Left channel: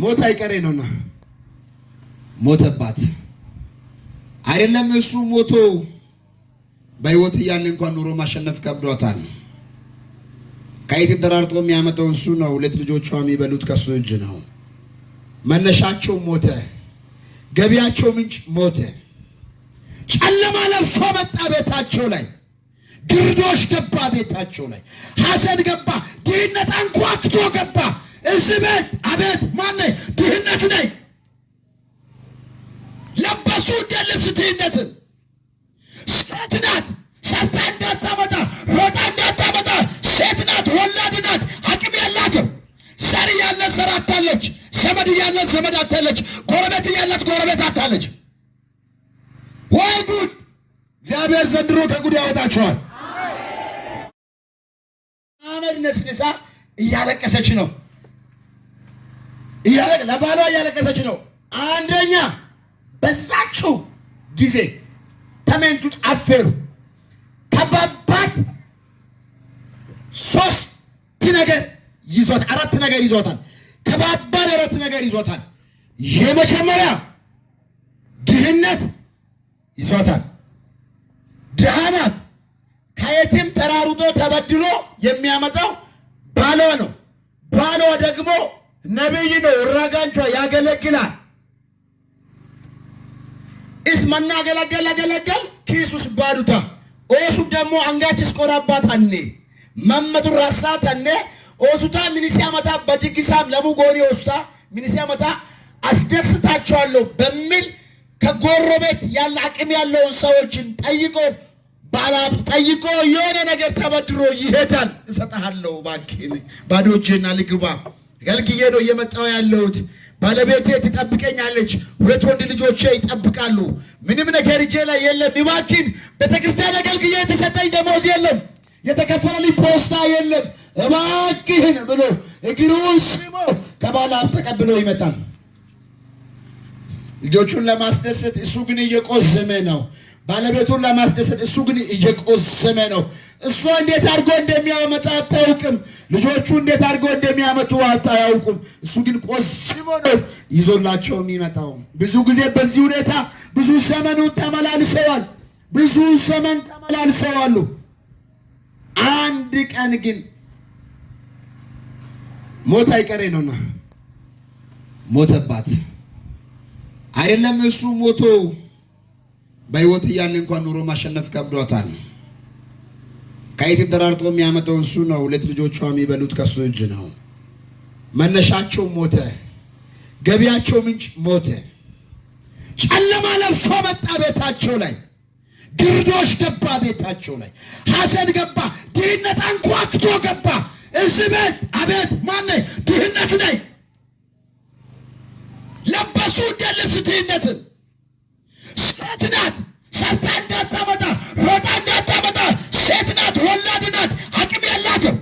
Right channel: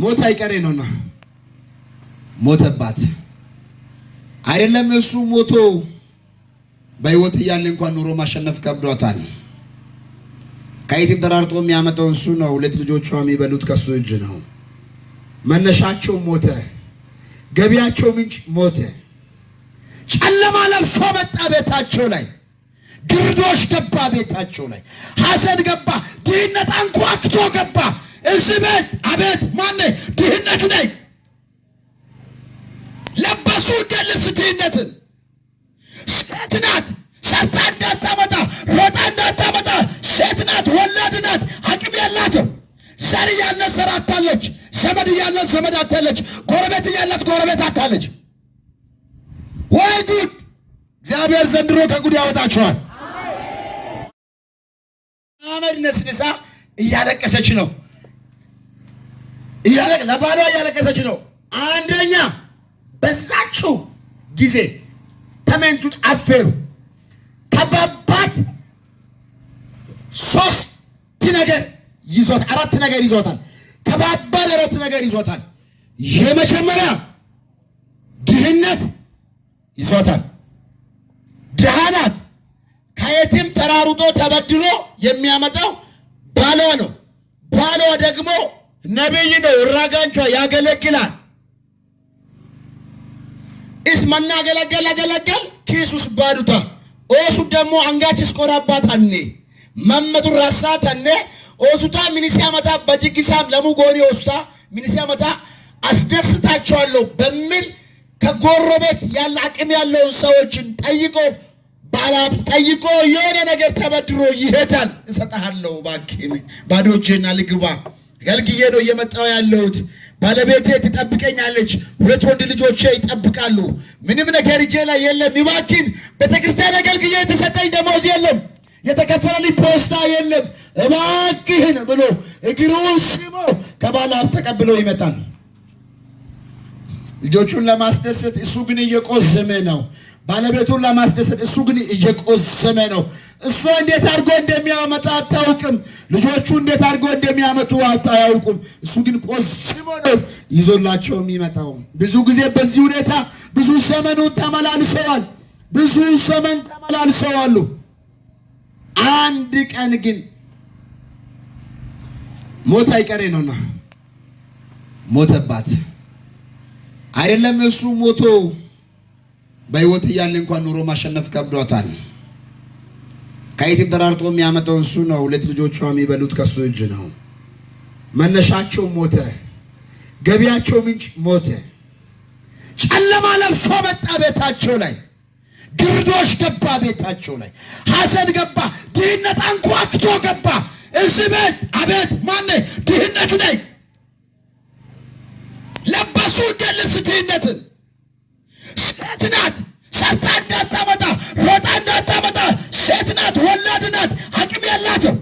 ሞት አይቀሬ ነውና ሞተባት አይደለም እሱ ሞቶ በህይወት እያለ እንኳን ኑሮ ማሸነፍ ከብዷታል። ከየትም ተራርጦ የሚያመጣው እሱ ነው። ሁለት ልጆቿ የሚበሉት ከሱ እጅ ነው። መነሻቸው ሞተ፣ ገቢያቸው ምንጭ ሞተ። ጨለማ ለብሶ መጣ ቤታቸው ላይ፣ ግርዶሽ ገባ ቤታቸው ላይ፣ ሐዘን ገባ፣ ድህነት አንኳኩቶ ገባ እዚህ ቤት። አቤት ማን ድህነት ነኝ ለበሱ እንደ ልብስ ድህነትን። ሴት ናት ሰርታ እንዳታመጣ ሮጣ እንዳታመጣ፣ ሴት ናት ወላድ ናት፣ አቅም ያላቸው ዘር ያለ ዘር አታለች፣ ዘመድ ያለ ዘመድ አታለች፣ ጎረቤት ያላት ጎረቤት አታለች። ወይ ጉድ! እግዚአብሔር ዘንድሮ ከጉድ ያወጣቸዋል። አመድ ነስንሳ እያለቀሰች ነው፣ ለባሏ እያለቀሰች ነው። አንደኛ በዛችው ጊዜ ተመንቱት አፈሩ ከባባት ሶስት ነገር ይዞት አራት ነገር ይዞታል። ከባባድ አራት ነገር ይዞታል። የመጀመሪያ ድህነት ይዞታል። ድሃናት ከየትም ተራሩጦ ተበድሎ የሚያመጣው ባሏ ነው። ባሏ ደግሞ ነቢይ ነው፣ እራጋንቿ ያገለግላል። እስመና ገለገል ኪሱስ ባዱታ ኦሱ ደግሞ አንጋችስ ቆራባት አኔ መመቱ ራሳት አኔ ኦሱታ ሚኒሲያ መታ በጅግሳም ለሙጎኒ ኦሱታ ሚኒሲያ መታ አስደስታቸዋለሁ በሚል ከጎረቤት ያለ አቅም ያለውን ሰዎችን ጠይቆ ባላብት ጠይቆ የሆነ ነገር ተበድሮ ይሄዳል። እሰጣለሁ ባንክ ባዶ እጄና ልግባ ገልግዬ ነው እየመጣው ያለሁት። ባለቤቴ ትጠብቀኛለች፣ ሁለት ወንድ ልጆቼ ይጠብቃሉ። ምንም ነገር እጄ ላይ የለም። ይባክን ቤተክርስቲያን አገልግዬ የተሰጠኝ ደሞዝ የለም፣ የተከፈለልኝ ፖስታ የለም፣ እባክህን ብሎ እግሩን ስሞ ከባለ ሀብት ተቀብሎ ይመጣል። ልጆቹን ለማስደሰት እሱ ግን እየቆዘመ ነው። ባለቤቱን ለማስደሰት እሱ ግን እየቆዘመ ነው። እሷ እንዴት አድርጎ እንደሚያመጣ አታውቅም። ልጆቹ እንዴት አድርጎ እንደሚያመጡ አታውቁም። እሱ ግን ቆዝሞ ነው ይዞላቸው የሚመጣው። ብዙ ጊዜ በዚህ ሁኔታ ብዙ ዘመኑ ተመላልሰዋል። ብዙ ዘመን ተመላልሰዋል። አንድ ቀን ግን ሞት አይቀሬ ነውና ሞተባት አይደለም እሱ ሞቶ በህይወት እያለ እንኳን ኑሮ ማሸነፍ ከብዷታል። ከየትም ተራርጦ የሚያመጣው እሱ ነው። ሁለት ልጆቿ የሚበሉት ከሱ እጅ ነው። መነሻቸው ሞተ፣ ገቢያቸው ምንጭ ሞተ። ጨለማ ለብሶ መጣ ቤታቸው ላይ፣ ግርዶሽ ገባ ቤታቸው ላይ፣ ሐዘን ገባ፣ ድህነት አንኳኩቶ ገባ እዚህ ቤት። አቤት ማን ድህነት ነኝ ለበሱ እንደ ልብስ ድህነትን። ሴት ናት ሰርታ እንዳታመጣ ሮጣ እንዳታመጣ፣ ሴት ናት ወላድ ናት፣ አቅም ያላቸው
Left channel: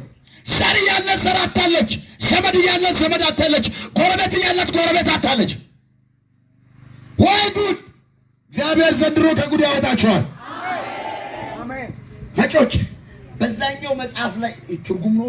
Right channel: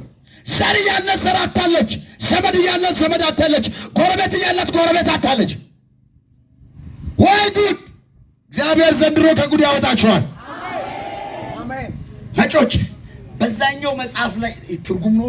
ዘር ያለ ዘር አታለች፣ ዘመድ ያለ ዘመድ አታለች፣ ጎረቤት ያላት ጎረቤት አታለች። ወይ ጉድ! እግዚአብሔር ዘንድሮ ከጉድ ያወጣቸዋል። አሜን። ነጮች በዛኛው መጽሐፍ ላይ ትርጉም ነው